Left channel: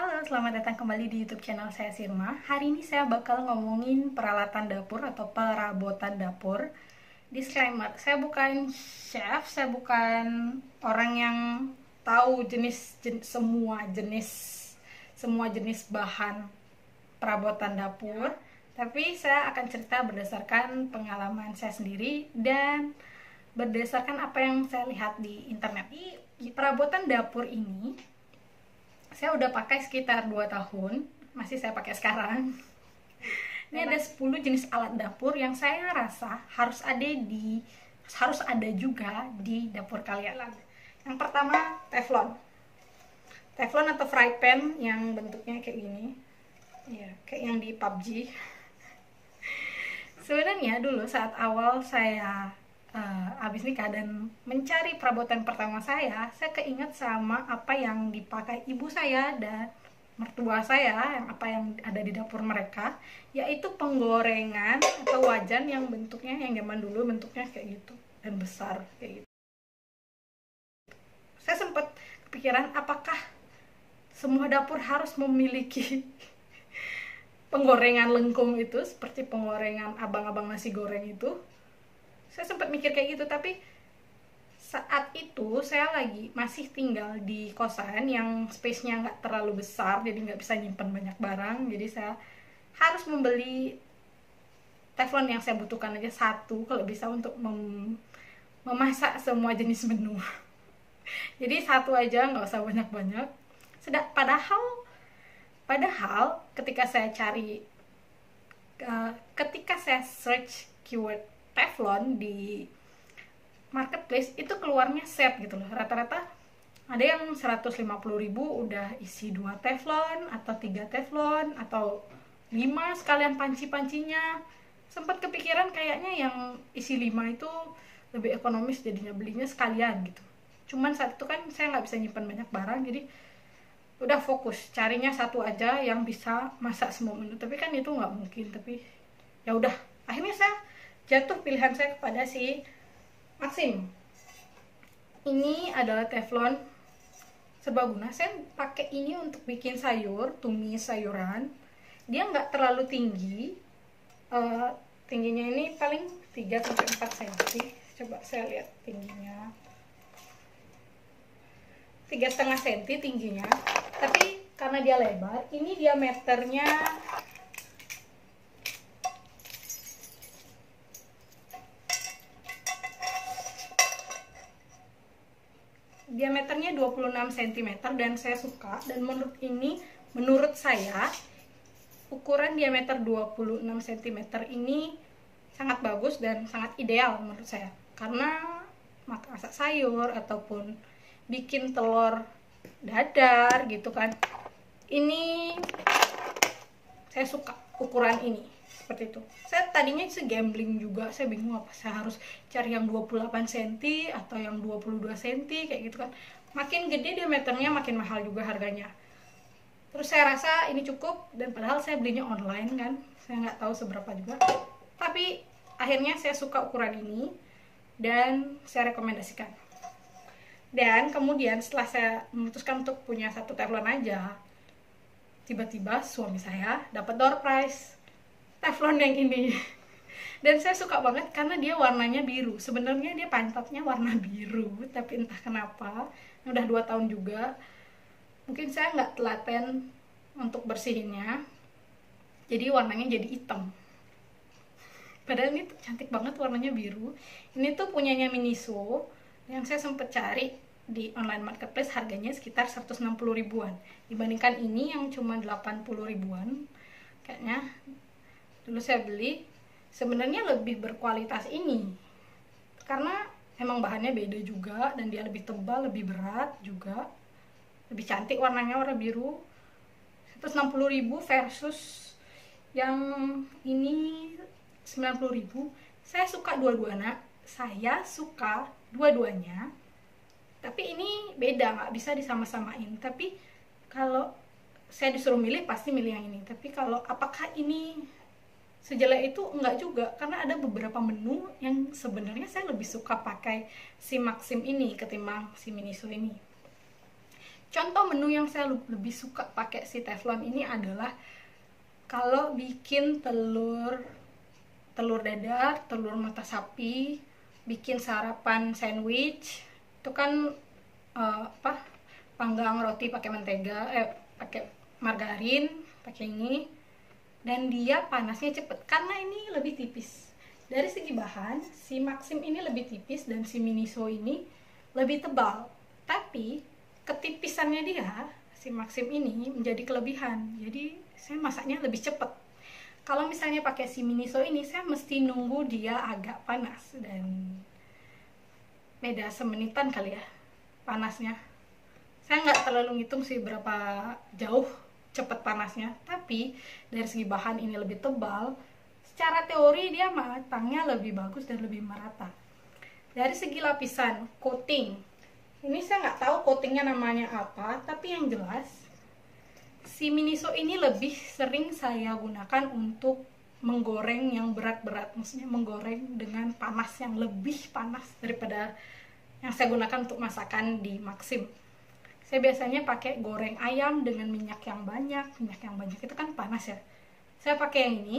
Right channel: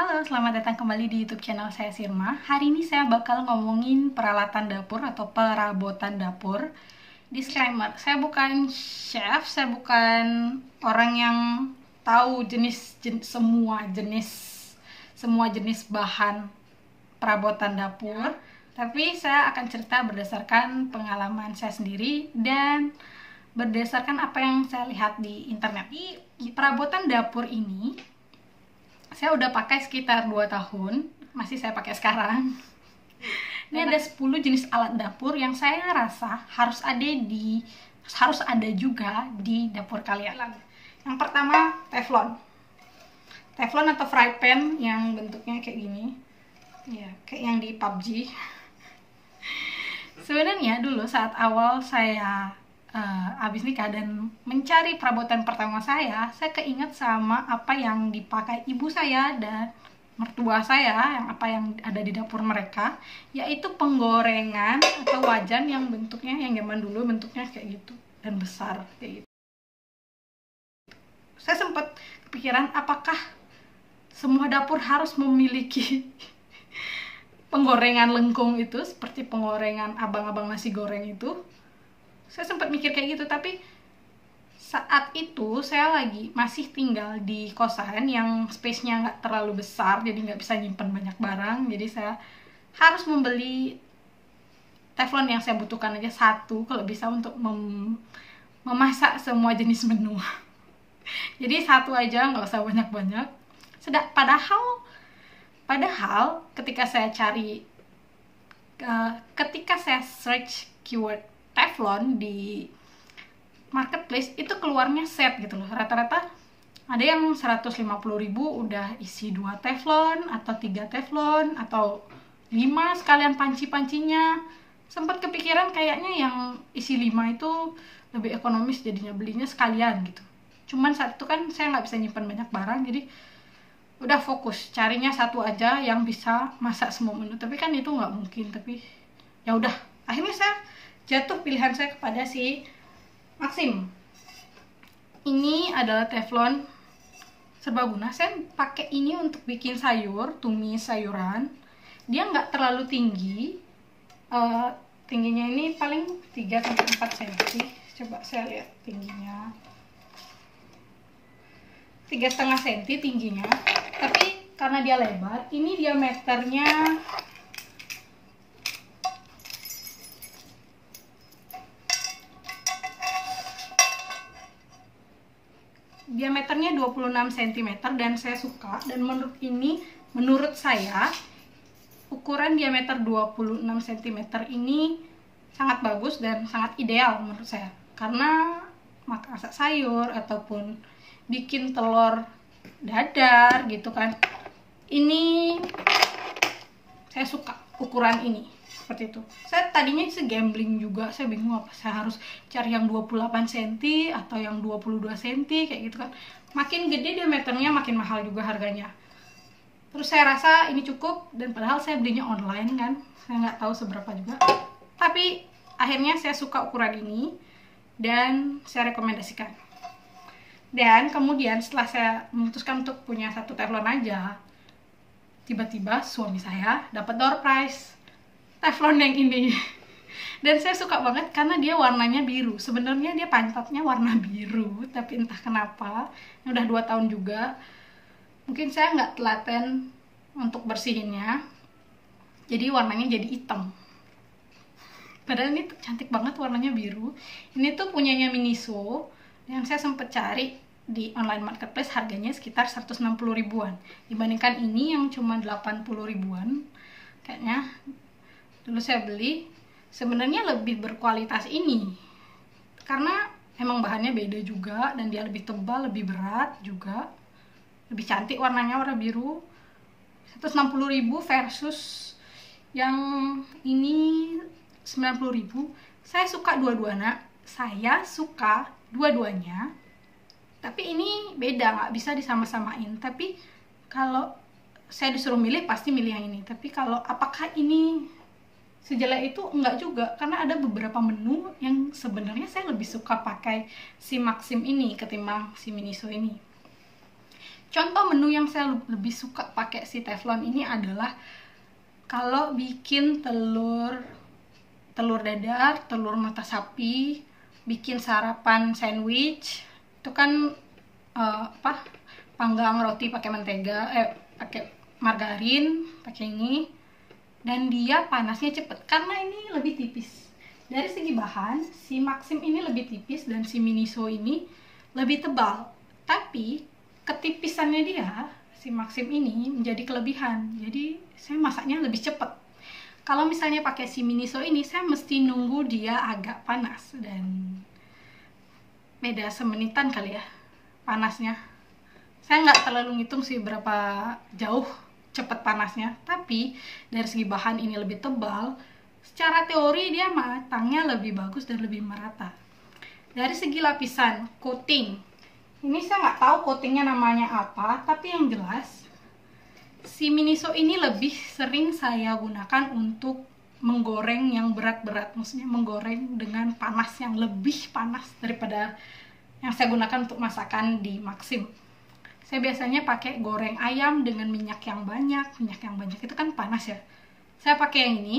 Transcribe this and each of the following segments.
Halo, selamat datang kembali di YouTube channel saya Sirma. Hari ini saya bakal ngomongin peralatan dapur atau perabotan dapur. Disclaimer, saya bukan chef, saya bukan orang yang tahu semua jenis bahan perabotan dapur. Tapi saya akan cerita berdasarkan pengalaman saya sendiri dan berdasarkan apa yang saya lihat di internet. Di perabotan dapur ini saya udah pakai sekitar 2 tahun, masih saya pakai sekarang. Ini ada 10 jenis alat dapur yang saya rasa harus ada juga di dapur kalian. Yang pertama, teflon. Teflon atau fry pan yang bentuknya kayak gini. Ya, kayak yang di PUBG. Sebenarnya dulu saat awal saya habis nikah dan mencari perabotan pertama saya keinget sama apa yang dipakai ibu saya dan mertua saya, yang ada di dapur mereka, yaitu penggorengan atau wajan yang bentuknya, yang zaman dulu bentuknya kayak gitu dan besar kayak gitu. Saya sempat kepikiran apakah semua dapur harus memiliki penggorengan lengkung itu, seperti penggorengan abang-abang nasi goreng itu. Saya sempat mikir kayak gitu, tapi saat itu saya masih tinggal di kosan yang space-nya nggak terlalu besar, jadi nggak bisa nyimpan banyak barang. Jadi saya harus membeli teflon yang saya butuhkan aja satu, kalau bisa untuk memasak semua jenis menu. Jadi satu aja, nggak usah banyak-banyak. Padahal ketika saya search keyword teflon di marketplace, itu keluarnya set gitu loh. Rata-rata ada yang 150.000 udah isi 2 teflon atau 3 teflon atau 5 sekalian panci-pancinya. Sempat kepikiran kayaknya yang isi 5 itu lebih ekonomis, jadinya belinya sekalian gitu. Cuman saat itu kan saya nggak bisa nyimpan banyak barang, jadi udah fokus carinya satu aja yang bisa masak semua menu. Tapi kan itu nggak mungkin, tapi ya udah, akhirnya saya jatuh pilihan saya kepada si Maxim. Ini adalah teflon serbaguna. Saya pakai ini untuk bikin sayur, tumis sayuran. Dia nggak terlalu tinggi, tingginya ini paling 3-4 cm. Coba saya lihat tingginya, 3,5 cm tingginya. Tapi karena dia lebar, ini diameternya 26 cm dan saya suka. Dan menurut saya ukuran diameter 26 cm ini sangat bagus dan sangat ideal menurut saya, karena masak sayur ataupun bikin telur dadar gitu kan. Ini saya suka ukuran ini seperti itu. Saya tadinya gambling juga, saya bingung apa saya harus cari yang 28 cm atau yang 22 cm kayak gitu kan. Makin gede diameternya makin mahal juga harganya. Terus saya rasa ini cukup, dan padahal saya belinya online kan, saya nggak tahu seberapa juga. Tapi akhirnya saya suka ukuran ini dan saya rekomendasikan. Dan kemudian setelah saya memutuskan untuk punya satu teflon aja, tiba-tiba suami saya dapat door prize teflon yang ini. Dan saya suka banget karena dia warnanya biru. Sebenarnya dia pantatnya warna biru, tapi entah kenapa udah 2 tahun juga, mungkin saya nggak telaten untuk bersihinnya, jadi warnanya jadi hitam. Padahal ini cantik banget warnanya biru. Ini tuh punyanya Miniso yang saya sempet cari di online marketplace, harganya sekitar 160 ribuan. Dibandingkan ini yang cuma 80 ribuan kayaknya. Dulu saya beli, sebenarnya lebih berkualitas ini karena emang bahannya beda juga, dan dia lebih tebal, lebih berat juga, lebih cantik warnanya, warna biru. 160.000 versus yang ini 90.000. Saya suka dua-duanya, tapi ini beda, nggak bisa disama-samain. Tapi kalau saya disuruh milih, pasti milih yang ini. Tapi kalau apakah ini sejelek itu? Enggak juga, karena ada beberapa menu yang sebenarnya saya lebih suka pakai si Maxim ini ketimbang si Miniso ini. Contoh menu yang saya lebih suka pakai si teflon ini adalah kalau bikin telur dadar, telur mata sapi, bikin sarapan sandwich, itu kan panggang roti pakai mentega, pakai margarin, pakai ini, dan dia panasnya cepet karena ini lebih tipis. Dari segi bahan, si Maxim ini lebih tipis dan si Miniso ini lebih tebal, tapi ketipisannya dia, si Maxim ini menjadi kelebihan. Jadi saya masaknya lebih cepat. Kalau misalnya pakai si Miniso ini, saya mesti nunggu dia agak panas, dan beda semenitan kali ya panasnya. Saya nggak terlalu ngitung sih berapa jauh cepat panasnya, tapi dari segi bahan ini lebih tebal, secara teori dia matangnya lebih bagus dan lebih merata. Dari segi lapisan coating, ini saya nggak tahu coatingnya namanya apa, tapi yang jelas si Miniso ini lebih sering saya gunakan untuk menggoreng yang berat-berat, maksudnya menggoreng dengan panas yang lebih panas daripada yang saya gunakan untuk masakan di Maxim. Saya biasanya pakai goreng ayam dengan minyak yang banyak itu kan panas ya. Saya pakai yang ini.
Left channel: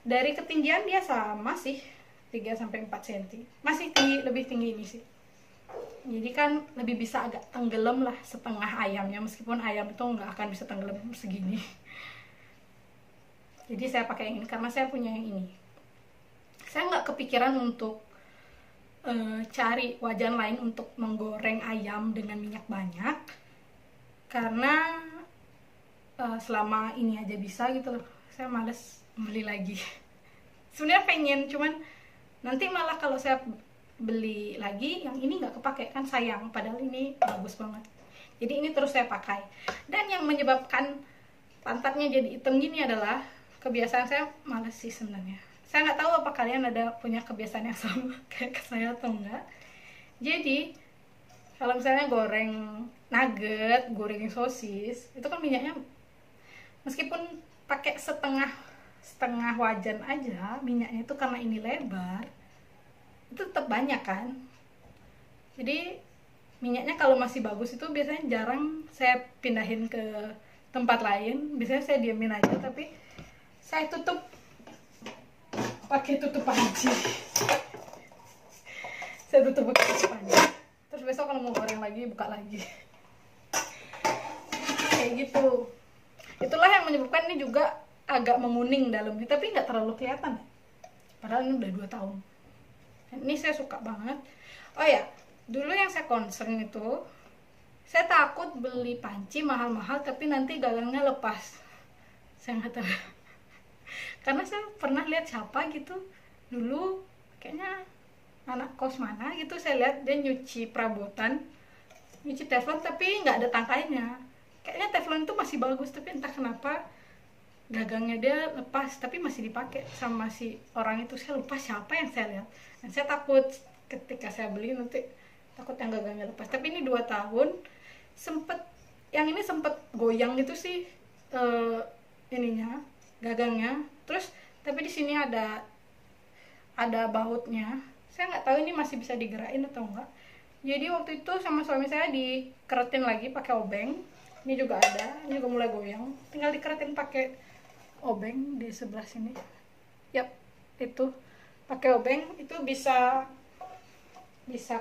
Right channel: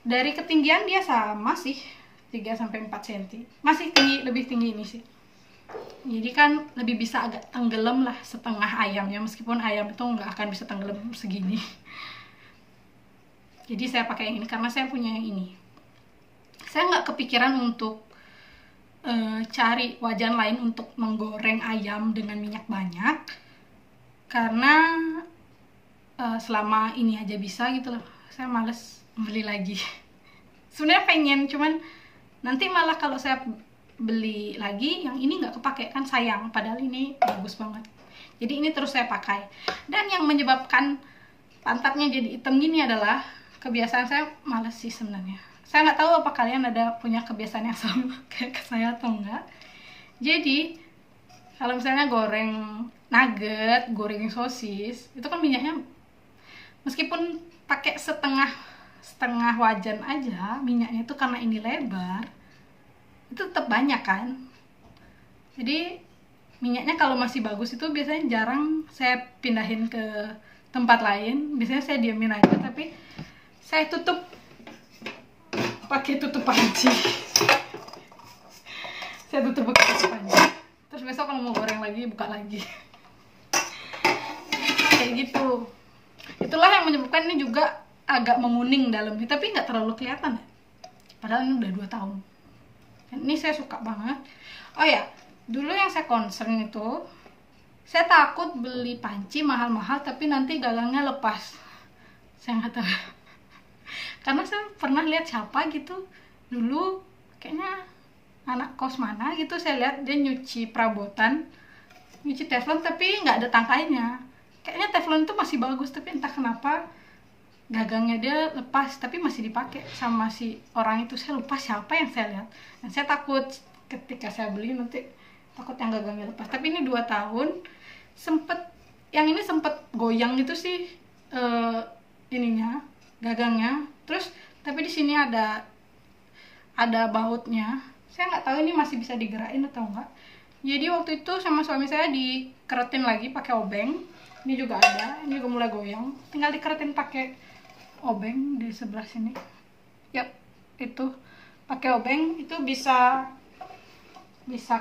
Dari ketinggian dia sama sih, 3-4 cm. Masih tinggi, lebih tinggi ini sih. Jadi kan lebih bisa agak tenggelam lah setengah ayamnya, meskipun ayam itu nggak akan bisa tenggelam segini. Jadi saya pakai yang ini karena saya punya yang ini. Saya nggak kepikiran untuk cari wajan lain untuk menggoreng ayam dengan minyak banyak, karena selama ini aja bisa gitu loh. Saya males beli lagi. Sebenarnya pengen, cuman nanti malah kalau saya beli lagi yang ini nggak kepake kan sayang, padahal ini bagus banget. Jadi ini terus saya pakai. Dan yang menyebabkan pantatnya jadi hitam gini adalah kebiasaan saya males sih sebenarnya. Saya nggak tahu apa kalian ada punya kebiasaan yang sama kayak ke saya atau enggak. Jadi kalau misalnya goreng nugget, goreng sosis, itu kan minyaknya meskipun pakai setengah wajan aja, minyaknya itu karena ini lebar, itu tetap banyak kan. Jadi minyaknya kalau masih bagus itu biasanya jarang saya pindahin ke tempat lain. Biasanya saya diamin aja, tapi saya tutup pakai tutup panci. Saya tutup pakai tutup panci. Terus besok kalau mau goreng lagi, buka lagi. Kayak gitu. Itulah yang menyebabkan ini juga agak menguning dalamnya, tapi nggak terlalu kelihatan ya. Padahal ini udah 2 tahun. Dan ini saya suka banget. Oh ya, dulu yang saya concern itu, saya takut beli panci mahal-mahal tapi nanti galangnya lepas. Saya nggak tahu. Karena saya pernah lihat siapa gitu dulu, kayaknya anak kos mana gitu, saya lihat dia nyuci perabotan, nyuci teflon tapi nggak ada tangkainya. Kayaknya teflon itu masih bagus, tapi entah kenapa gagangnya dia lepas, tapi masih dipakai sama si orang itu. Saya lupa siapa yang saya lihat, dan saya takut ketika saya beli nanti takut yang gagangnya lepas. Tapi ini 2 tahun yang ini sempet goyang gitu sih, ininya, gagangnya. Terus tapi di sini ada bautnya. Saya nggak tahu ini masih bisa digerakin atau enggak. Jadi waktu itu sama suami saya dikeretin lagi pakai obeng. Ini juga ada, ini juga mulai goyang. Tinggal dikeretin pakai obeng di sebelah sini. Yap, itu pakai obeng itu bisa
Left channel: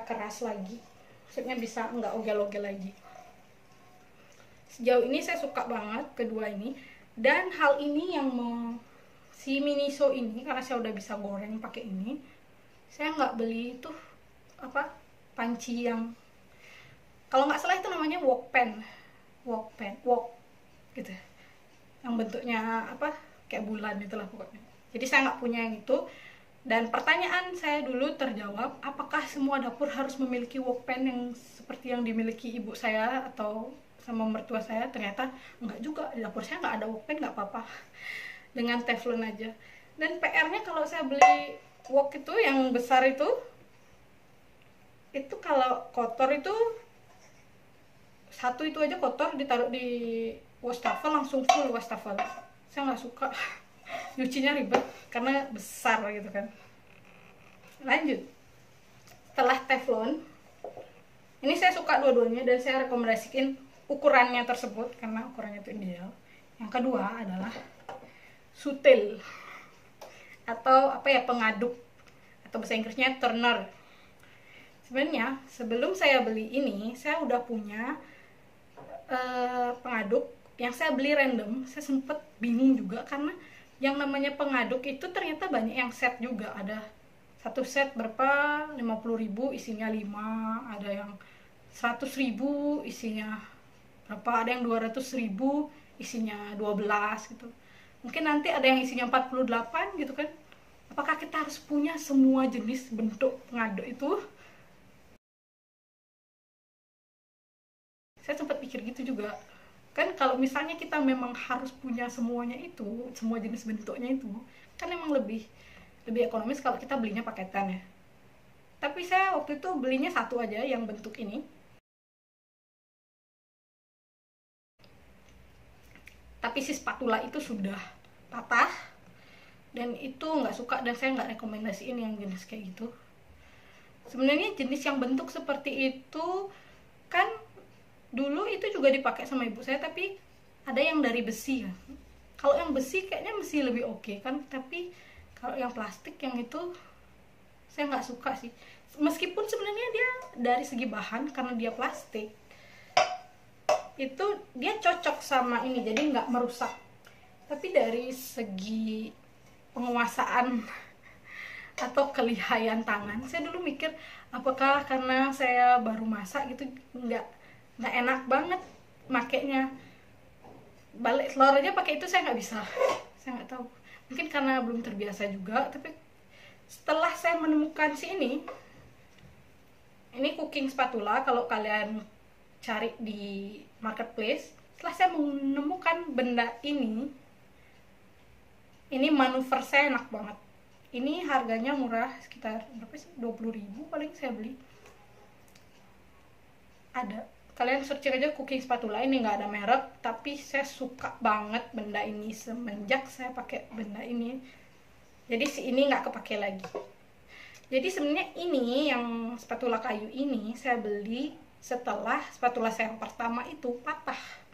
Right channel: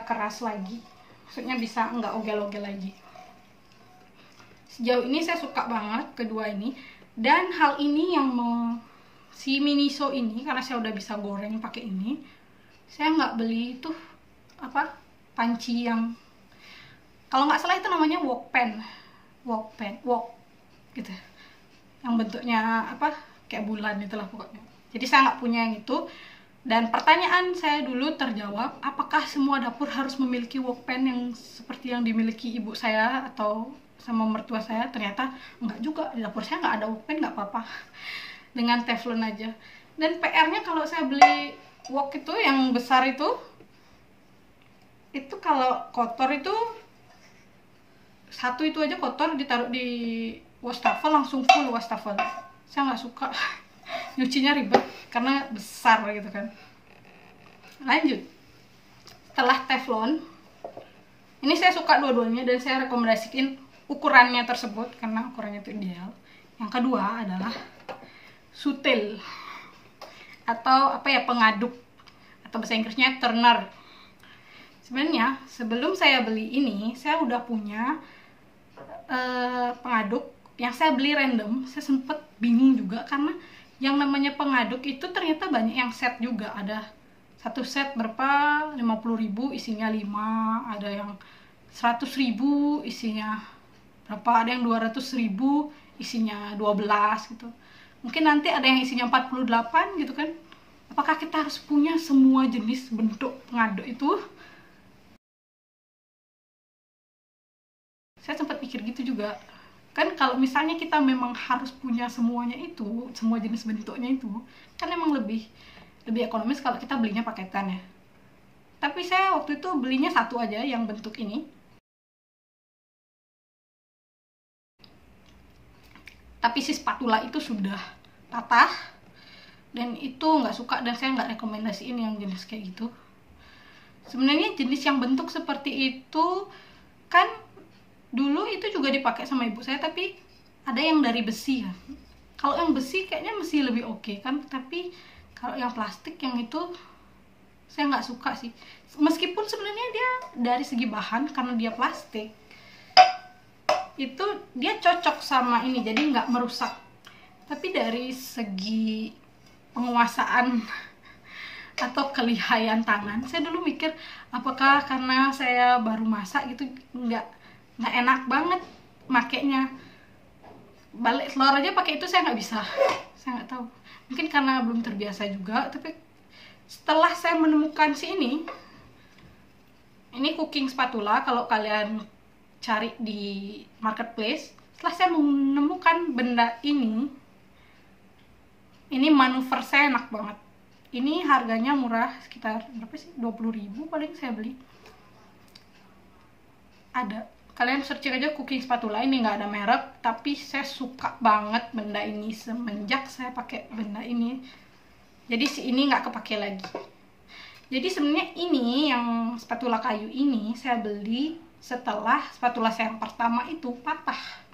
keras lagi. Maksudnya bisa nggak ogel-ogel lagi. Sejauh ini saya suka banget kedua ini. Dan hal ini yang si Miniso ini, karena saya udah bisa goreng pakai ini, saya nggak beli itu panci yang, kalau nggak salah itu namanya wok pan gitu, yang bentuknya kayak bulan itulah pokoknya. Jadi saya nggak punya yang itu. Dan pertanyaan saya dulu terjawab, apakah semua dapur harus memiliki wok pan yang seperti yang dimiliki ibu saya atau sama mertua saya? Ternyata enggak juga. Di dapur saya nggak ada wok pan, nggak apa-apa, dengan teflon aja. Dan PR-nya kalau saya beli wok itu yang besar itu kalau kotor itu satu itu aja kotor, ditaruh di wastafel langsung full wastafel. Saya nggak suka. Nyucinya ribet karena besar gitu kan. Lanjut, setelah teflon ini saya suka dua-duanya dan saya rekomendasikan ukurannya tersebut karena ukurannya itu ideal. Yang kedua adalah sutil atau apa ya, pengaduk, atau bahasa Inggrisnya turner. Sebenarnya sebelum saya beli ini saya udah punya pengaduk yang saya beli random. Saya sempet bingung juga karena yang namanya pengaduk itu ternyata banyak yang set juga. Ada satu set berapa 50.000 isinya 5, ada yang 100.000 isinya berapa, ada yang 200.000 isinya 12 gitu. Mungkin nanti ada yang isinya 48 gitu kan. Apakah kita harus punya semua jenis bentuk pengaduk itu? Saya sempat pikir gitu juga. Kan kalau misalnya kita memang harus punya semuanya itu, semua jenis bentuknya itu, kan emang lebih ekonomis kalau kita belinya paketan ya. Tapi saya waktu itu belinya satu aja yang bentuk ini. Tapi si spatula itu sudah patah dan itu nggak suka, dan saya nggak rekomendasiin yang jenis kayak gitu. Sebenarnya jenis yang bentuk seperti itu kan dulu itu juga dipakai sama ibu saya, tapi ada yang dari besi kan. Kalau yang besi kayaknya masih lebih oke kan, tapi kalau yang plastik yang itu saya nggak suka sih. Meskipun sebenarnya dia dari segi bahan karena dia plastik itu dia cocok sama ini, jadi nggak merusak. Tapi dari segi penguasaan atau kelihayan tangan, saya dulu mikir apakah karena saya baru masak gitu nggak enak banget makainya. Balik telur aja pakai itu saya nggak bisa, saya nggak tahu, mungkin karena belum terbiasa juga. Tapi setelah saya menemukan si ini cooking spatula, kalau kalian cari di marketplace, setelah saya menemukan benda ini manuver saya enak banget. Ini harganya murah, sekitar berapa sih, 20.000 paling saya beli. Ada, kalian searching aja cooking spatula, ini nggak ada merek, tapi saya suka banget benda ini semenjak saya pakai benda ini. Jadi si ini nggak kepake lagi. Jadi sebenarnya ini yang spatula kayu ini saya beli setelah spatula saya yang pertama itu patah.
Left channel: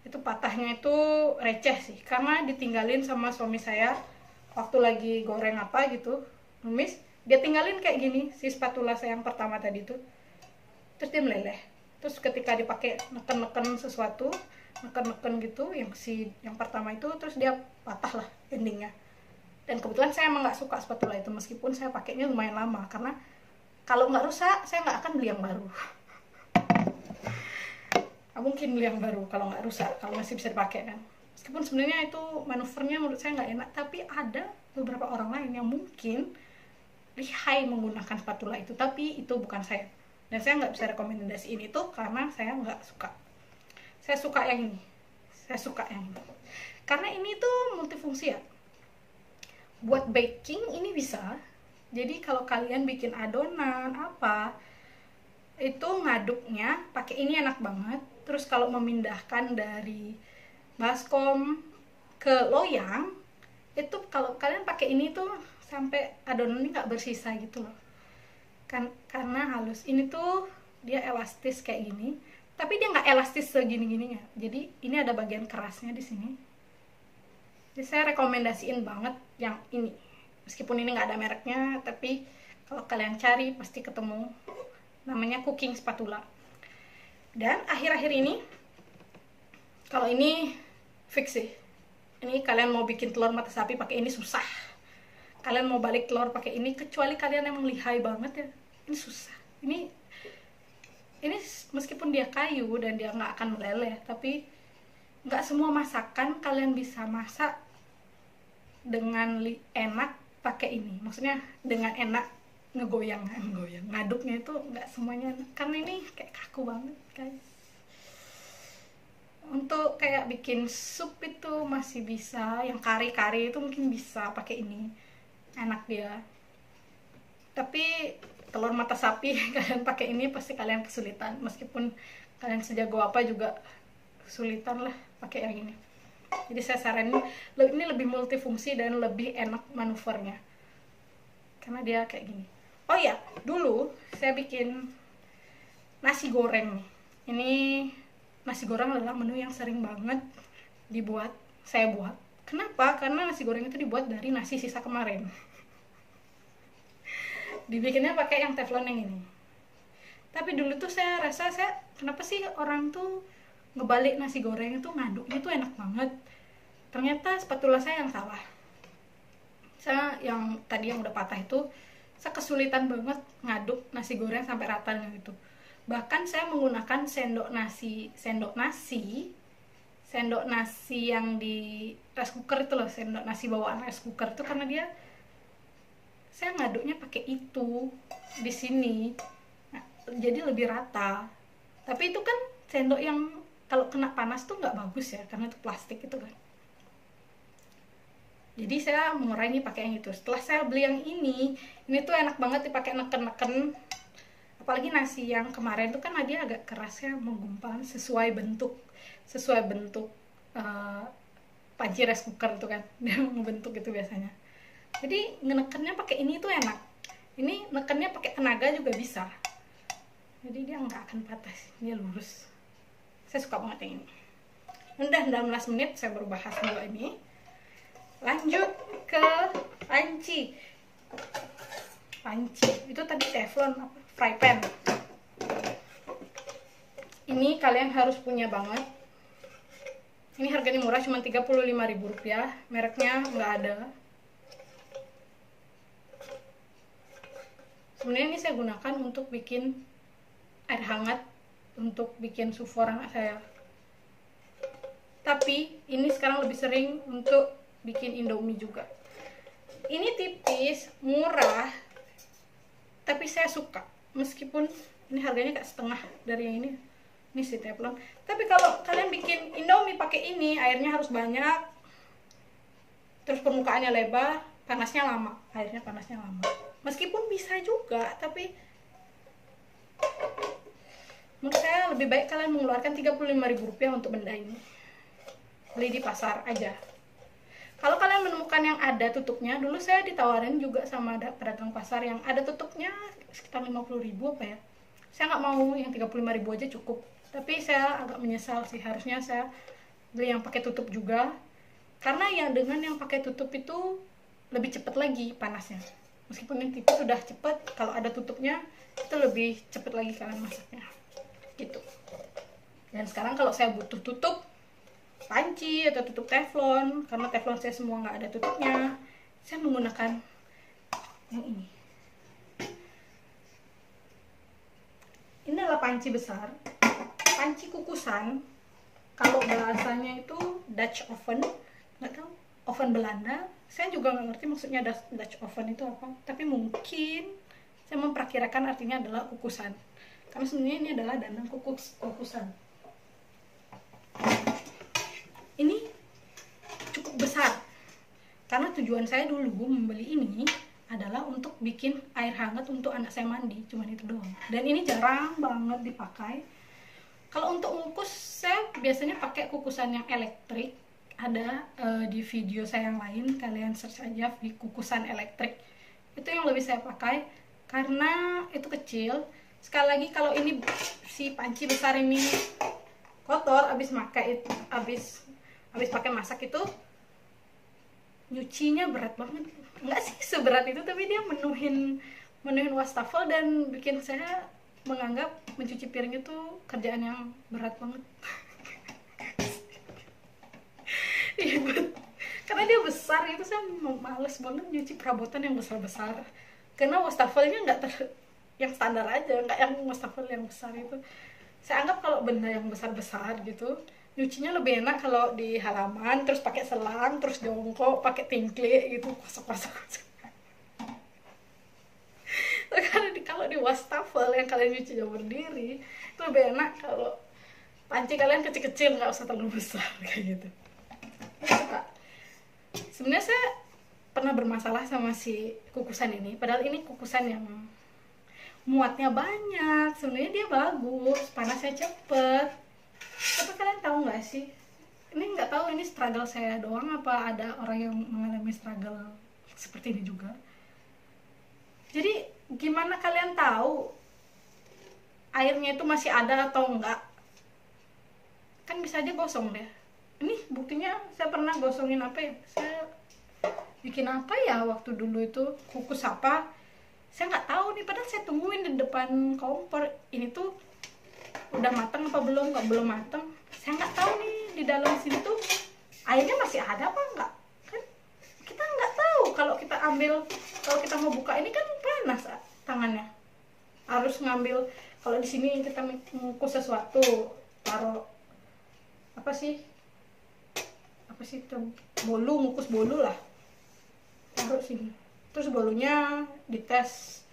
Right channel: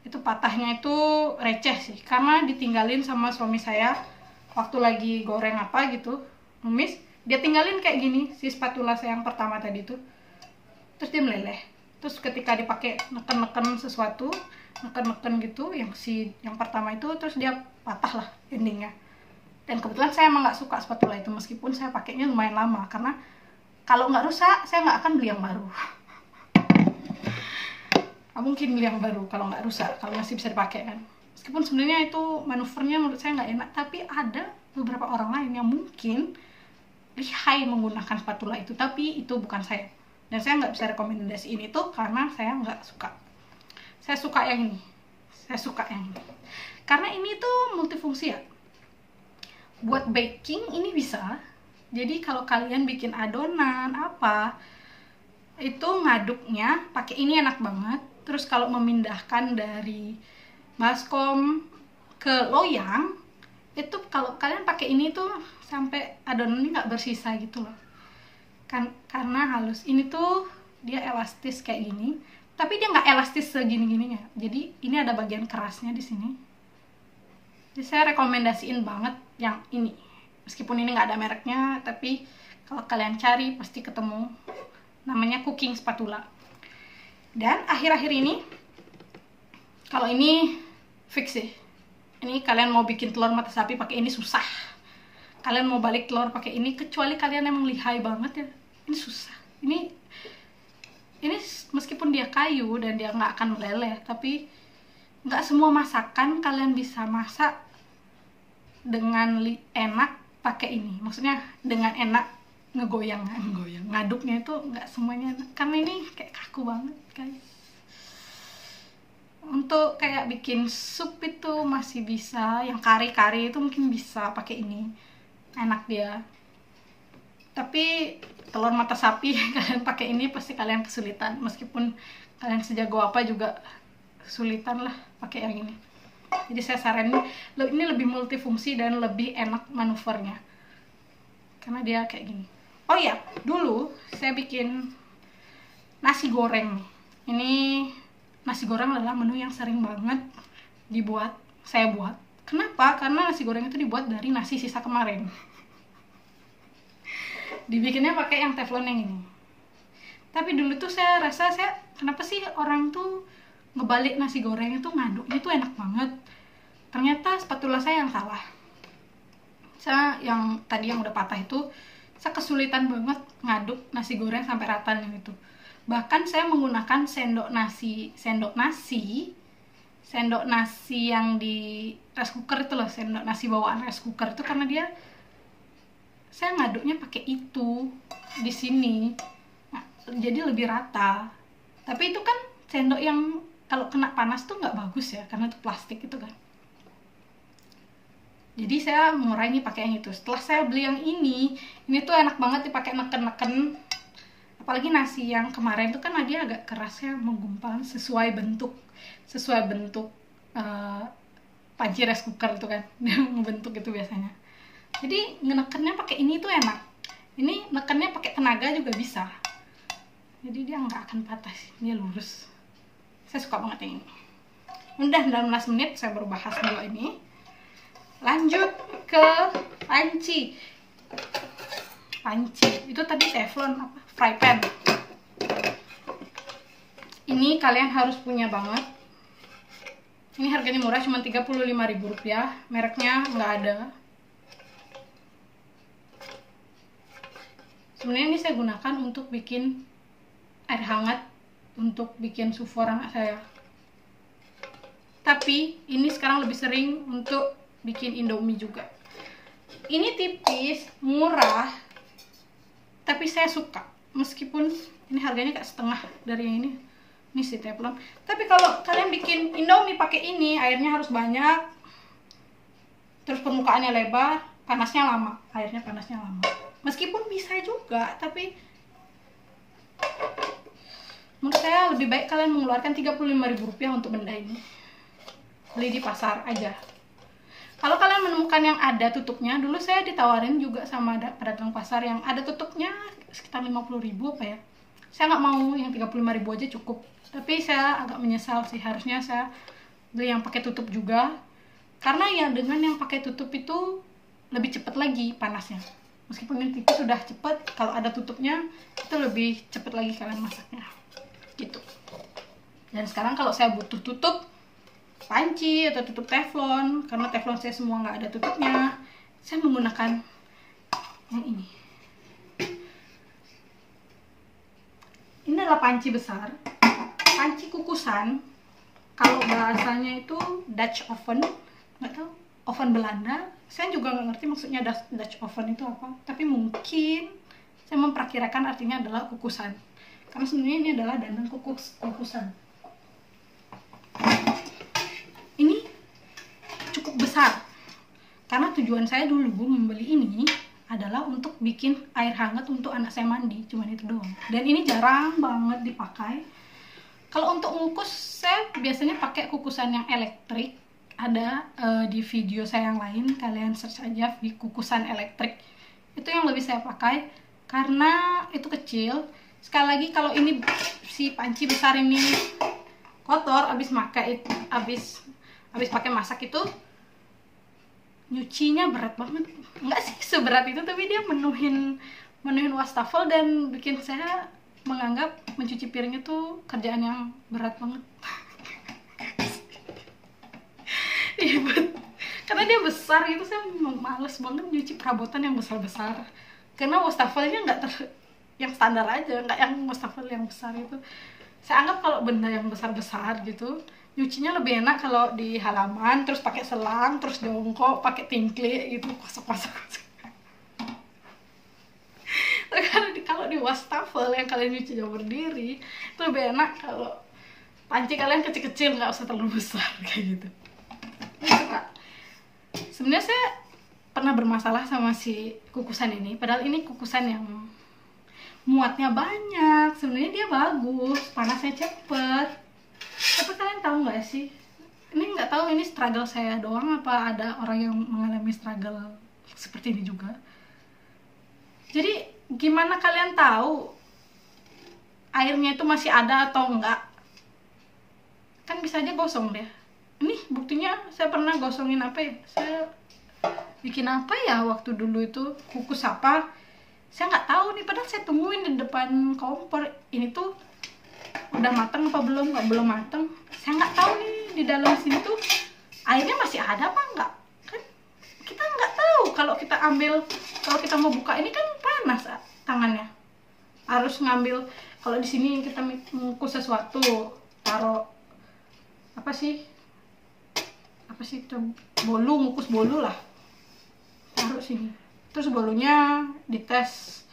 Itu patahnya itu receh sih, karena ditinggalin sama suami saya waktu lagi goreng apa gitu, numis, dia tinggalin kayak gini si spatula saya yang pertama tadi tuh. Terus dia meleleh. Terus ketika dipakai neken-neken sesuatu, neken-neken gitu, yang pertama itu, terus dia patah lah endingnya. Dan kebetulan saya emang nggak suka spatula itu, meskipun saya pakainya lumayan lama, karena kalau nggak rusak saya nggak akan beli yang baru. Mungkin beli yang baru kalau nggak rusak, kalau masih bisa dipakai kan. Meskipun sebenarnya itu manuvernya menurut saya nggak enak, tapi ada beberapa orang lain yang mungkin lihai menggunakan spatula itu, tapi itu bukan saya. Dan saya nggak bisa rekomendasiin itu karena saya nggak suka. Saya suka yang ini. Karena ini tuh multifungsi ya. Buat baking ini bisa. Jadi kalau kalian bikin adonan apa, itu ngaduknya pakai ini enak banget. Terus kalau memindahkan dari baskom ke loyang, itu kalau kalian pakai ini tuh sampai adonan ini nggak bersisa gitu loh. Karena halus. Ini tuh dia elastis kayak gini, tapi dia nggak elastis segini-gininya. Jadi ini ada bagian kerasnya di sini. Jadi saya rekomendasiin banget yang ini. Meskipun ini nggak ada mereknya, tapi kalau kalian cari pasti ketemu. Namanya cooking spatula. Dan akhir-akhir ini, kalau ini fix sih. Ini kalian mau bikin telur mata sapi pakai ini susah. Kalian mau balik telur pakai ini, kecuali kalian emang lihai banget ya, ini susah. Ini meskipun dia kayu dan dia nggak akan meleleh, tapi nggak semua masakan kalian bisa masak dengan enak pakai ini. Maksudnya dengan enak ngegoyang ngaduknya itu nggak semuanya enak, karena ini kayak kaku banget guys. Untuk kayak bikin sup itu masih bisa, yang kari-kari itu mungkin bisa pakai ini, enak dia. Tapi telur mata sapi kalian pakai ini pasti kalian kesulitan, meskipun kalian sejago apa juga kesulitan lah pakai yang ini. Jadi saya saranin ini lebih multifungsi dan lebih enak manuvernya karena dia kayak gini. Oh iya, dulu saya bikin nasi goreng nih. Ini nasi goreng adalah menu yang sering banget saya buat. Kenapa? Karena nasi goreng itu dibuat dari nasi sisa kemarin. Dibikinnya pakai yang teflon yang ini. Tapi dulu tuh saya rasa kenapa sih orang tuh ngebalik nasi goreng itu ngaduknya tuh enak banget. Ternyata spatula saya yang salah. Saya yang tadi yang udah patah itu, saya kesulitan banget ngaduk nasi goreng sampai rata gitu. Bahkan saya menggunakan sendok nasi yang di rice cooker itu loh, sendok nasi bawaan rice cooker itu, karena saya ngaduknya pakai itu di sini. Nah, jadi lebih rata. Tapi itu kan sendok yang kalau kena panas tuh nggak bagus ya, karena itu plastik itu kan. Jadi saya mengurangi pakai yang itu. Setelah saya beli yang ini tuh enak banget dipakai neken-neken. Apalagi nasi yang kemarin tuh kan dia agak keras ya, menggumpal sesuai bentuk panci rice cooker itu kan. Dia membentuk itu biasanya. Jadi ngenekennya pakai ini tuh enak. Ini nekennya pakai tenaga juga bisa. Jadi dia nggak akan patah sih, dia lurus. Saya suka banget yang ini. Udah 19 menit saya baru bahas dulu ini. Lanjut ke panci. Itu tadi teflon fry pan. Ini kalian harus punya banget. Ini harganya murah, cuma Rp35.000. Mereknya nggak ada. Sebenarnya ini saya gunakan untuk bikin air hangat, untuk bikin sufor anak saya. Tapi ini sekarang lebih sering untuk bikin Indomie juga. Ini tipis, murah, tapi saya suka. Meskipun ini harganya kayak setengah dari yang ini. Ini si teflon. Tapi kalau kalian bikin Indomie pakai ini, airnya harus banyak. Terus permukaannya lebar, airnya panasnya lama. Meskipun bisa juga, tapi menurut saya lebih baik kalian mengeluarkan Rp35.000 untuk benda ini. Beli di pasar aja. Kalau kalian menemukan yang ada tutupnya, dulu saya ditawarin juga sama pedagang pasar yang ada tutupnya sekitar 50.000 apa ya. Saya nggak mau, yang 35.000 aja cukup. Tapi saya agak menyesal sih, harusnya saya beli yang pakai tutup juga. Karena yang dengan yang pakai tutup itu lebih cepat lagi panasnya. Meskipun yang tipis sudah cepat, kalau ada tutupnya itu lebih cepat lagi kalian masaknya. Gitu. Dan sekarang kalau saya butuh tutup panci atau tutup teflon, karena teflon saya semua nggak ada tutupnya, saya menggunakan yang ini. Ini adalah panci besar, panci kukusan. Kalau bahasanya itu Dutch oven, nggak tahu, oven Belanda. Saya juga nggak ngerti maksudnya Dutch oven itu apa, tapi mungkin saya memperkirakan artinya adalah kukusan, karena sebenarnya ini adalah dandang kukusan. Ini cukup besar, karena tujuan saya dulu membeli ini adalah untuk bikin air hangat untuk anak saya mandi, cuman itu doang. Dan ini jarang banget dipakai. Kalau untuk mengukus, saya biasanya pakai kukusan yang elektrik. Ada di video saya yang lain, kalian search aja di kukusan elektrik. Itu yang lebih saya pakai, karena itu kecil. Sekali lagi, kalau ini si panci besar ini kotor, habis pakai masak itu nyucinya berat banget. Enggak sih seberat itu, tapi dia menuhin wastafel dan bikin saya menganggap mencuci piring itu kerjaan yang berat banget. Iya, karena dia besar gitu, saya males banget nyuci perabotan yang besar-besar. Karena wastafelnya yang standar aja, nggak yang wastafel yang besar itu. Saya anggap kalau benda yang besar-besar gitu, nyucinya lebih enak kalau di halaman, terus pakai selang, terus jongkok, pakai tingklik gitu, kosok-kosok. Kalau di wastafel yang kalian nyucinya berdiri, itu lebih enak kalau panci kalian kecil-kecil, nggak usah terlalu besar kayak gitu. Sebenarnya saya pernah bermasalah sama si kukusan ini, padahal ini kukusan yang muatnya banyak. Sebenarnya dia bagus, panasnya cepet. Tapi kalian tahu nggak sih, ini nggak tahu ini struggle saya doang apa ada orang yang mengalami struggle seperti ini juga. Jadi gimana kalian tahu airnya itu masih ada atau enggak kan bisa aja gosong deh. Ini buktinya saya pernah gosongin apa ya, saya bikin apa ya waktu dulu itu, kukus apa, saya nggak tahu nih, padahal saya tungguin di depan kompor. Ini tuh udah matang apa belum, nggak belum matang, saya nggak tahu nih di dalam sini tuh airnya masih ada apa enggak, kan kita nggak tahu. Kalau kita ambil, kalau kita mau buka ini kan panas tangannya, harus ngambil. Kalau di sini kita mengukus sesuatu, taruh apa sih itu, bolu, ngukus bolu lah, taruh sini, terus bolunya dites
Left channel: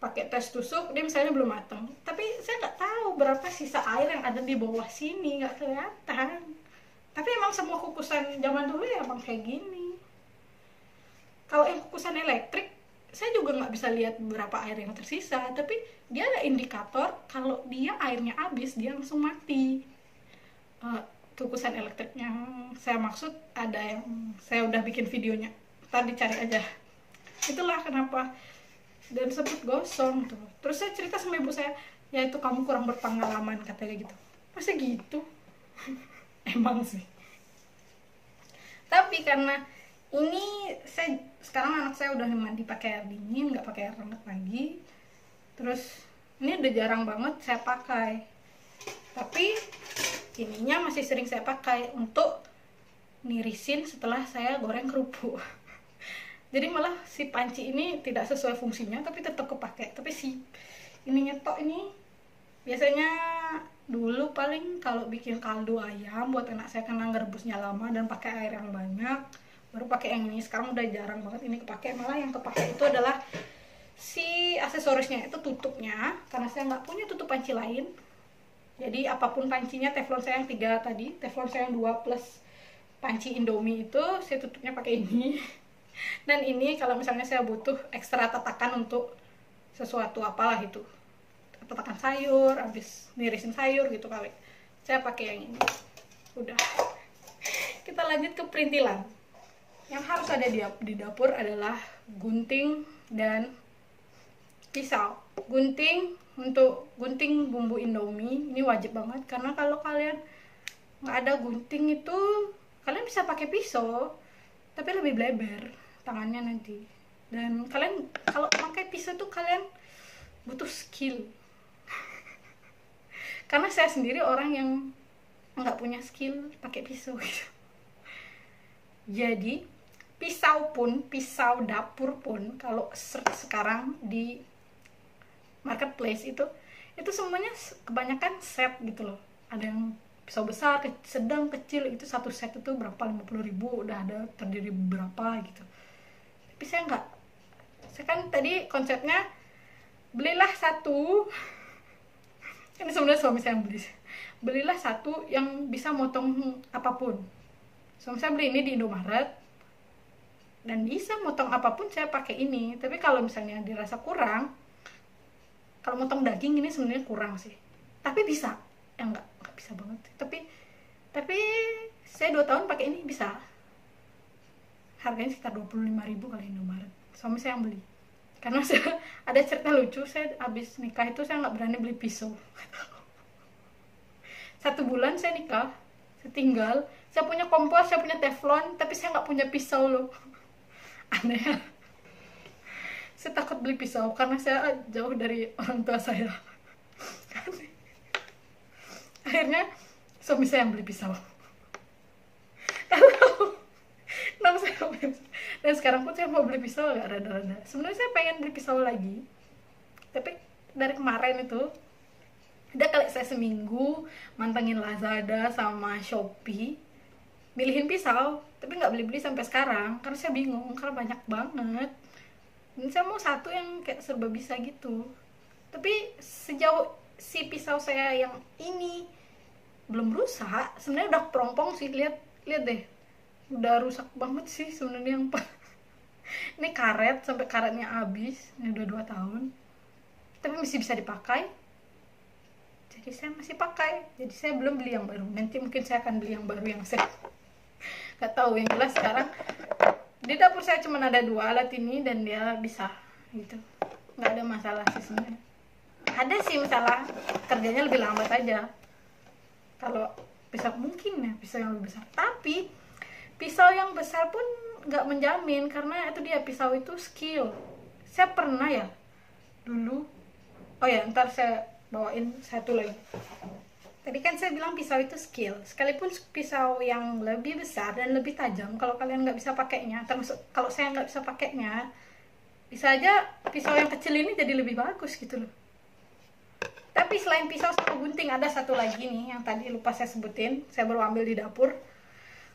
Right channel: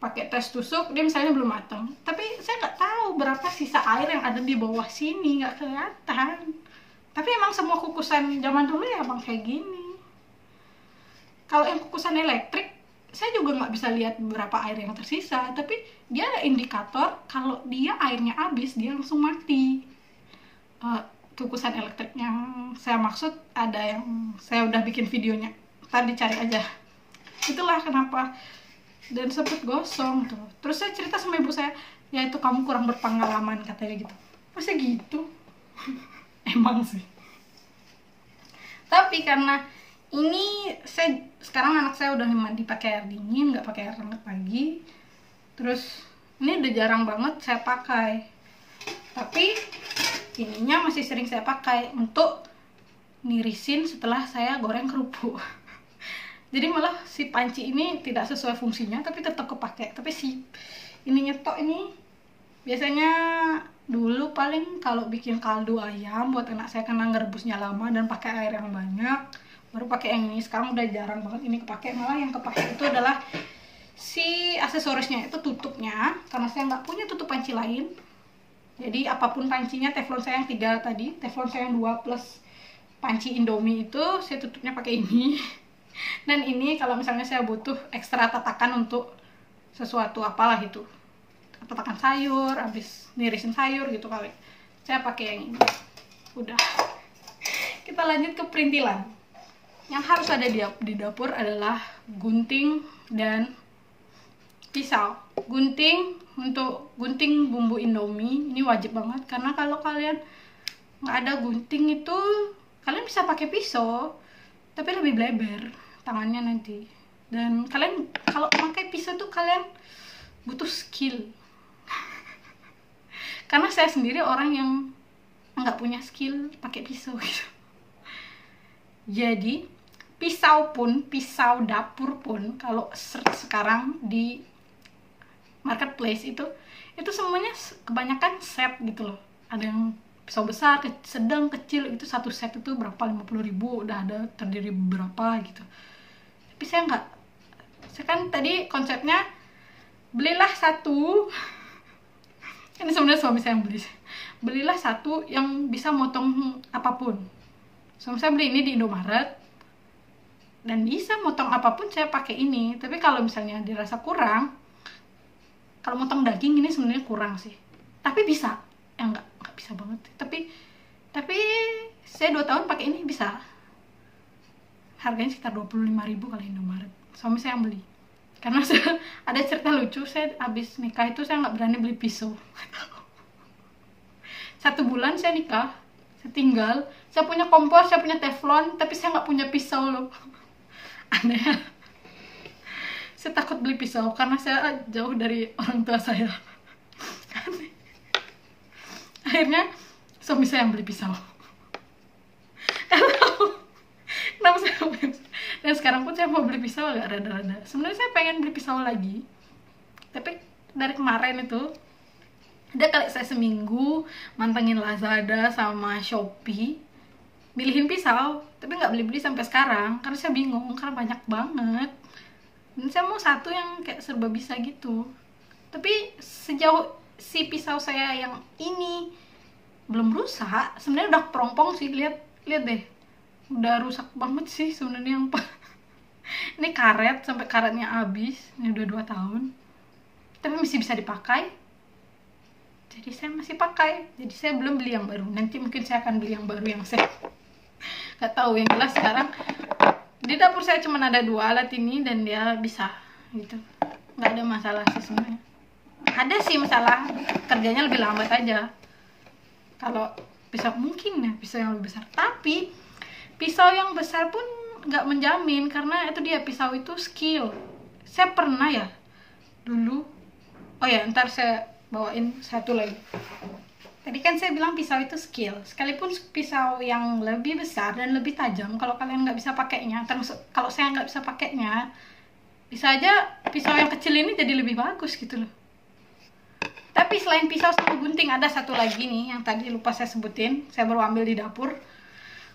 pakai tes tusuk, dia misalnya belum matang, tapi saya nggak tahu berapa sisa air yang ada di bawah sini, nggak kelihatan. Tapi emang semua kukusan zaman dulu ya emang kayak gini. Kalau yang kukusan elektrik, saya juga nggak bisa lihat berapa air yang tersisa, tapi dia ada indikator kalau dia airnya habis, dia langsung mati. Kukusan elektrik yang saya maksud ada yang saya udah bikin videonya, ntar dicari aja. Itulah kenapa, dan sempet gosong tuh. Terus saya cerita sama ibu saya, ya itu kamu kurang berpengalaman katanya gitu. Masa gitu? Emang sih. Tapi karena ini saya sekarang, anak saya udah mandi pakai air dingin, nggak pakai air hangat lagi. Terus ini udah jarang banget saya pakai, tapi ininya masih sering saya pakai untuk nirisin setelah saya goreng kerupuk. Jadi malah si panci ini tidak sesuai fungsinya tapi tetap kepake. Tapi si ini nyetok ini biasanya dulu paling kalau bikin kaldu ayam buat anak saya karena ngerebusnya lama dan pakai air yang banyak, baru pakai yang ini. Sekarang udah jarang banget ini kepake. Malah yang kepake itu adalah si aksesorisnya, itu tutupnya, karena saya nggak punya tutup panci lain. Jadi apapun pancinya, teflon saya yang 3 tadi, teflon saya yang 2 plus panci Indomie itu saya tutupnya pakai ini. Dan ini kalau misalnya saya butuh ekstra tatakan untuk sesuatu apalah itu, tatakan sayur, habis nirisin sayur gitu kali, saya pakai yang ini. Udah. Kita lanjut ke perintilan. Yang harus ada di dapur adalah gunting dan pisau. Gunting untuk gunting bumbu Indomie ini wajib banget, karena kalau kalian nggak ada gunting itu kalian bisa pakai pisau tapi lebih bleber tangannya nanti. Dan kalian kalau pakai pisau tuh kalian butuh skill. Karena saya sendiri orang yang nggak punya skill pakai pisau gitu. Jadi pisau pun, pisau dapur pun, kalau sekarang di marketplace itu semuanya kebanyakan set gitu loh. Ada yang pisau besar, sedang, kecil, itu satu set itu berapa, 50.000 udah ada terdiri berapa gitu. Tapi saya nggak, saya kan tadi konsepnya belilah satu. Ini sebenarnya suami saya yang beli. Belilah satu yang bisa motong apapun. Suami saya beli ini di Indomaret dan bisa motong apapun, saya pakai ini. Tapi kalau misalnya dirasa kurang, kalau motong daging ini sebenarnya kurang sih, tapi bisa. Ya nggak bisa banget, tapi saya 2 tahun pakai ini bisa. Harganya sekitar 25.000 kali Indomaret. Suami saya yang beli. Karena saya, ada cerita lucu, saya habis nikah itu saya nggak berani beli pisau. 1 bulan saya nikah, saya tinggal, saya punya kompor, saya punya teflon, tapi saya nggak punya pisau loh. Aneh. Saya takut beli pisau karena saya jauh dari orang tua saya. Akhirnya suami saya yang beli pisau. Kenapa saya mau beli pisau? Dan sekarang pun saya mau beli pisau agak rada-rada. Sebenarnya saya pengen beli pisau lagi, tapi dari kemarin itu ada kali saya seminggu mantengin Lazada sama Shopee, milihin pisau, tapi nggak beli-beli sampai sekarang karena saya bingung, karena banyak banget. Dan saya mau satu yang kayak serba bisa gitu. Tapi sejauh si pisau saya yang ini belum rusak, sebenarnya udah perompong sih. Lihat deh, udah rusak banget sih sebenarnya yang ini karet, sampai karetnya habis. Ini udah 2 tahun tapi masih bisa dipakai, jadi saya masih pakai. Jadi saya belum beli yang baru, nanti mungkin saya akan beli yang baru yang saya nggak tahu. Yang jelas sekarang di dapur saya cuma ada 2 alat ini dan dia bisa gitu, nggak ada masalah sih sebenarnya. Ada sih masalah, kerjanya lebih lambat aja. Kalau pisau mungkin ya pisau yang lebih besar, tapi pisau yang besar pun nggak menjamin, karena itu dia, pisau itu skill. Saya pernah ya dulu, oh ya ntar saya bawain satu lagi. Tadi kan saya bilang pisau itu skill, sekalipun pisau yang lebih besar dan lebih tajam, kalau kalian nggak bisa pakainya, termasuk kalau saya nggak bisa pakainya, bisa aja pisau yang kecil ini jadi lebih bagus gitu loh. Tapi selain pisau sama gunting, ada satu lagi nih yang tadi lupa saya sebutin, saya baru ambil di dapur,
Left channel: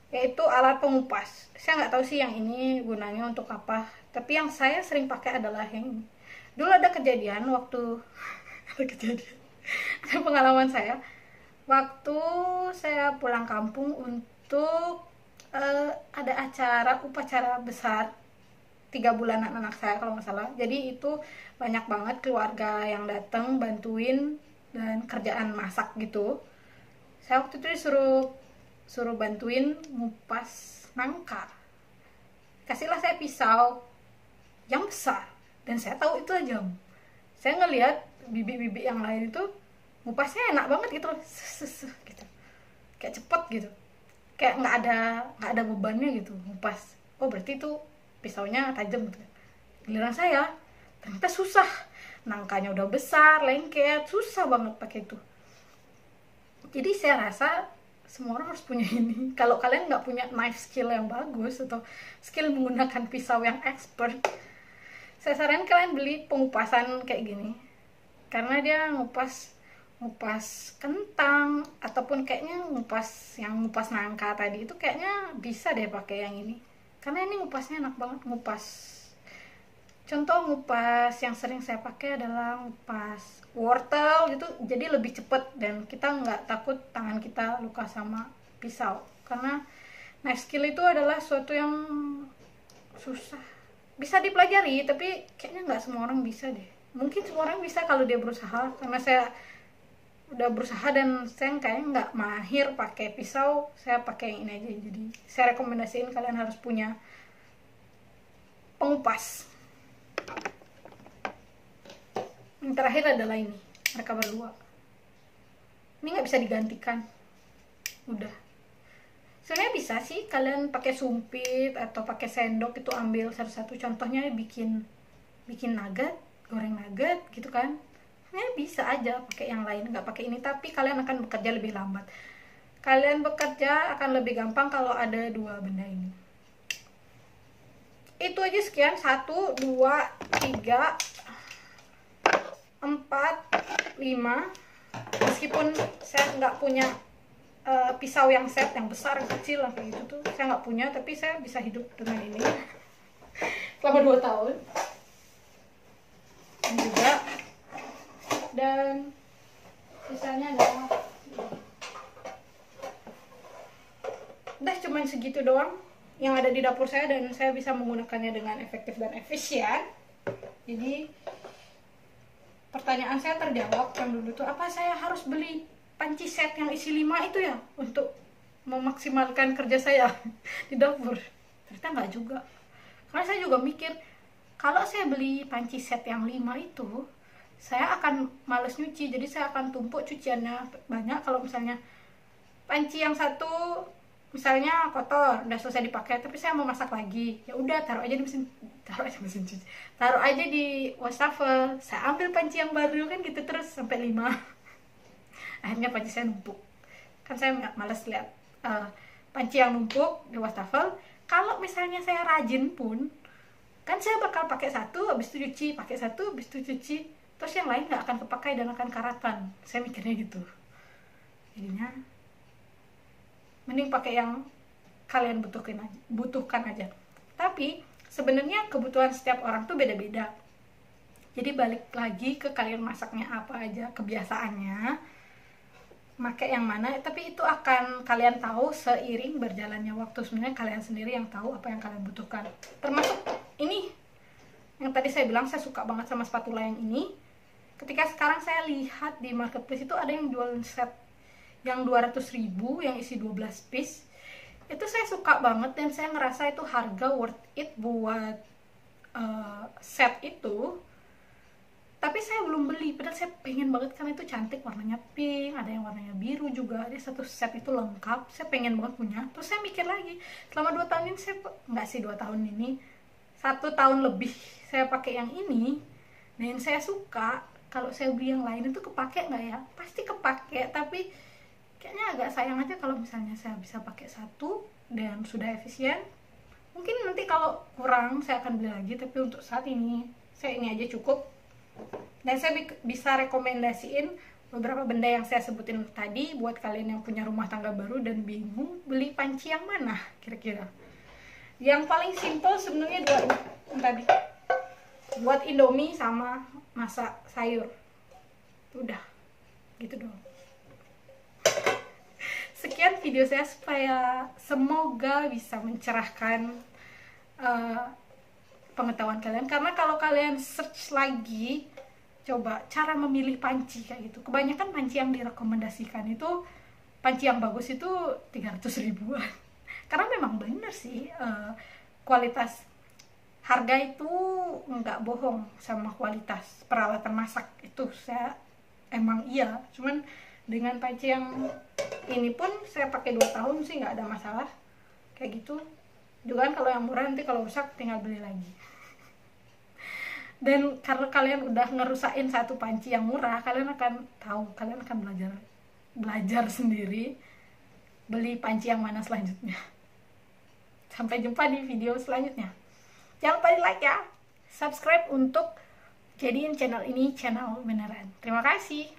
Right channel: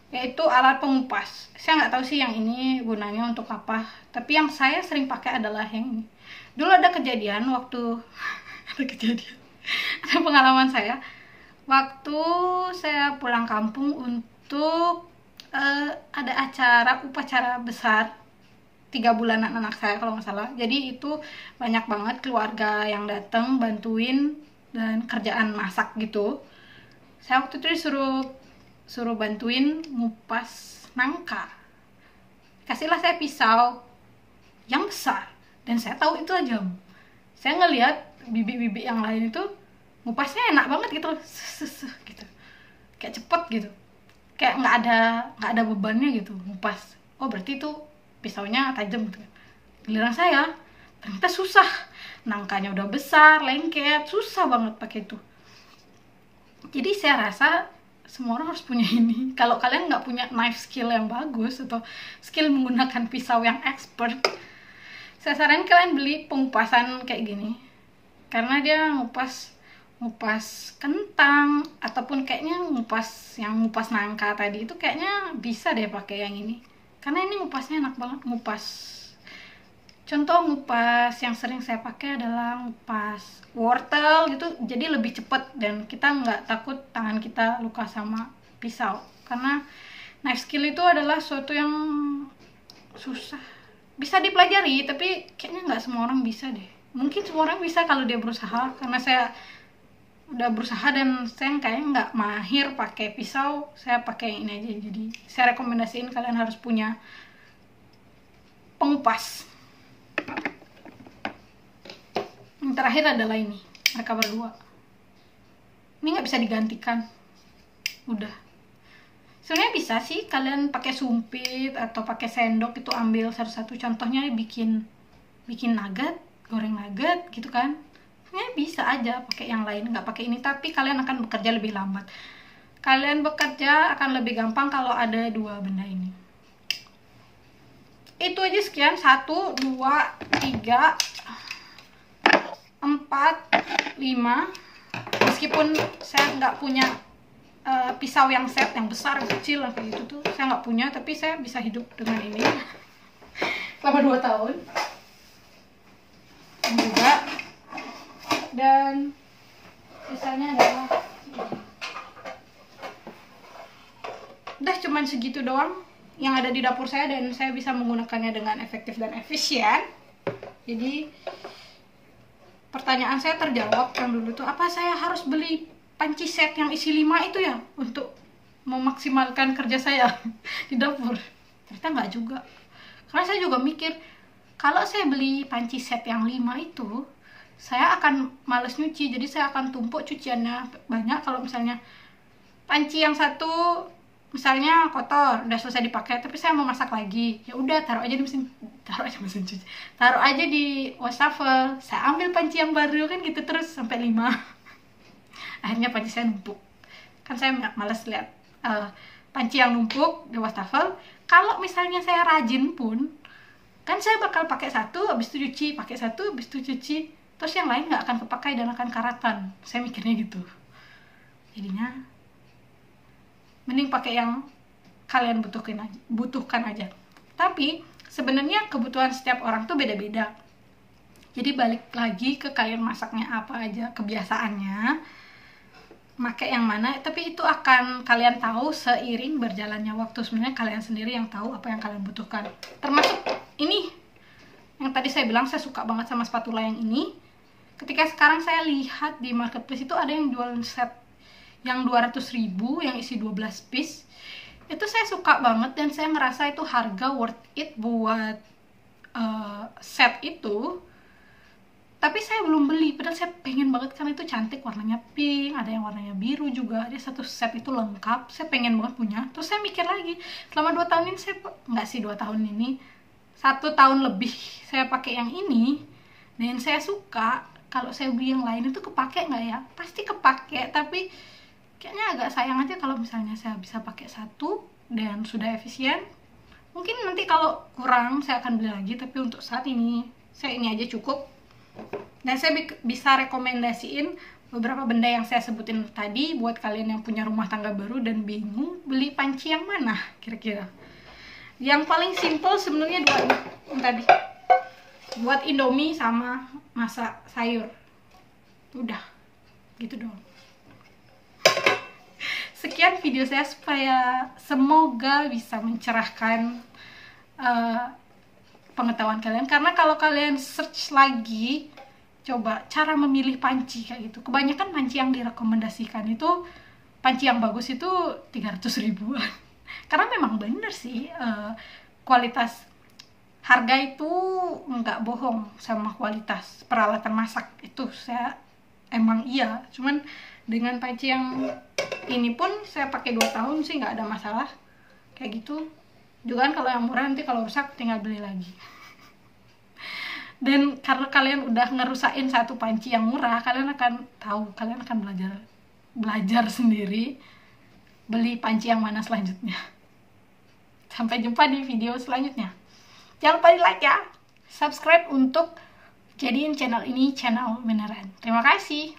yaitu alat pengupas. Saya nggak tahu sih yang ini gunanya untuk apa, tapi yang saya sering pakai adalah yang ini. Dulu ada kejadian waktu ada pengalaman saya waktu saya pulang kampung untuk ada upacara besar 3 bulanan anak saya kalau nggak salah. Jadi itu banyak banget keluarga yang datang bantuin dan kerjaan masak gitu. Saya waktu itu disuruh bantuin ngupas nangka. Kasihlah saya pisau yang besar dan saya tahu itu tajam. Saya ngelihat bibi-bibi yang lain itu ngupasnya enak banget gitu, gitu, kayak cepet gitu, kayak nggak ada bebannya gitu ngupas. Oh berarti itu pisaunya tajam gitu. Giliran saya ternyata susah, nangkanya udah besar, lengket, susah banget pakai itu. Jadi saya rasa semua orang harus punya ini. Kalau kalian nggak punya knife skill yang bagus atau skill menggunakan pisau yang expert, saya saranin kalian beli pengupasan kayak gini, karena dia ngupas kentang ataupun kayaknya ngupas nangka tadi itu kayaknya bisa deh pakai yang ini, karena ini ngupasnya enak banget. Contoh ngupas yang sering saya pakai adalah ngupas wortel gitu, jadi lebih cepet dan kita nggak takut tangan kita luka sama pisau, karena knife skill itu adalah suatu yang susah, bisa dipelajari tapi kayaknya nggak semua orang bisa deh. Mungkin semua orang bisa kalau dia berusaha, karena saya udah berusaha dan saya kayaknya nggak mahir pakai pisau, saya pakai yang ini aja. Jadi saya rekomendasiin kalian harus punya pengupas. Yang terakhir adalah ini, mereka berdua ini nggak bisa digantikan. Udah, sebenarnya bisa sih kalian pakai sumpit atau pakai sendok itu, ambil satu-satu. Contohnya bikin nugget, goreng nugget gitu kan, bisa aja pakai yang lain, nggak pakai ini, tapi kalian akan bekerja lebih lambat. Kalian bekerja akan lebih gampang kalau ada 2 benda ini. Itu aja, sekian. 1, 2, 3, 4, 5. Meskipun saya nggak punya pisau yang set, yang besar, yang kecil, kayak gitu tuh saya nggak punya, tapi saya bisa hidup dengan ini selama 2 tahun. Dan sisanya adalah udah cuman segitu doang yang ada di dapur saya, dan saya bisa menggunakannya dengan efektif dan efisien. Jadi pertanyaan saya terjawab yang dulu tuh, apa saya harus beli panci set yang isi 5 itu ya untuk memaksimalkan kerja saya di dapur? Ternyata nggak juga, karena saya juga mikir kalau saya beli panci set yang 5 itu saya akan males nyuci, jadi saya akan tumpuk cuciannya banyak. Kalau misalnya panci yang satu misalnya kotor, udah selesai dipakai, tapi saya mau masak lagi, ya udah taruh aja di wastafel, saya ambil panci yang baru, kan gitu terus sampai 5. Akhirnya panci saya numpuk, kan saya males lihat panci yang numpuk di wastafel. Kalau misalnya saya rajin pun, kan saya bakal pakai satu, habis itu cuci, pakai satu, habis itu cuci, terus yang lain nggak akan kepakai dan akan karatan. Saya mikirnya gitu. Jadinya mending pakai yang kalian butuhkan aja. Tapi sebenarnya kebutuhan setiap orang tuh beda-beda. Jadi balik lagi ke kalian masaknya apa aja, kebiasaannya, pakai yang mana. Tapi itu akan kalian tahu seiring berjalannya waktu. Sebenarnya kalian sendiri yang tahu apa yang kalian butuhkan. Termasuk ini yang tadi saya bilang, saya suka banget sama spatula yang ini. Ketika sekarang saya lihat di marketplace itu ada yang jual set yang 200.000 yang isi 12 piece. Itu saya suka banget dan saya ngerasa itu harga worth it buat set itu. tapi saya belum beli, padahal saya pengen banget karena itu cantik, warnanya pink, ada yang warnanya biru juga, dia satu set itu lengkap, saya pengen banget punya. Terus saya mikir lagi, selama 2 tahun ini saya, nggak sih 2 tahun ini, 1 tahun lebih saya pakai yang ini, dan saya suka. Kalau saya beli yang lain itu kepake nggak ya? Pasti kepake, tapi kayaknya agak sayang aja kalau misalnya saya bisa pakai satu dan sudah efisien. Mungkin nanti kalau kurang saya akan beli lagi, tapi untuk saat ini saya ini aja cukup. Dan saya bisa rekomendasiin beberapa benda yang saya sebutin tadi buat kalian yang punya rumah tangga baru dan bingung beli panci yang mana kira-kira. Yang paling simple sebenarnya dua ini tadi, buat Indomie sama masak sayur. Udah gitu doang. Sekian video saya, supaya semoga bisa mencerahkan pengetahuan kalian. Karena kalau kalian search lagi, coba cara memilih panci kayak gitu, kebanyakan panci yang direkomendasikan itu, panci yang bagus itu 300 ribuan. Karena memang bener sih, kualitas harga itu nggak bohong sama kualitas peralatan masak itu. Saya emang iya, cuman dengan panci yang ini pun saya pakai 2 tahun sih nggak ada masalah kayak gitu. Juga kan kalau yang murah nanti kalau rusak tinggal beli lagi. Dan karena kalian udah ngerusain satu panci yang murah, kalian akan tahu, kalian akan belajar sendiri beli panci yang mana selanjutnya. Sampai jumpa di video selanjutnya. Jangan lupa di like ya, subscribe untuk jadiin channel ini channel beneran. Terima kasih.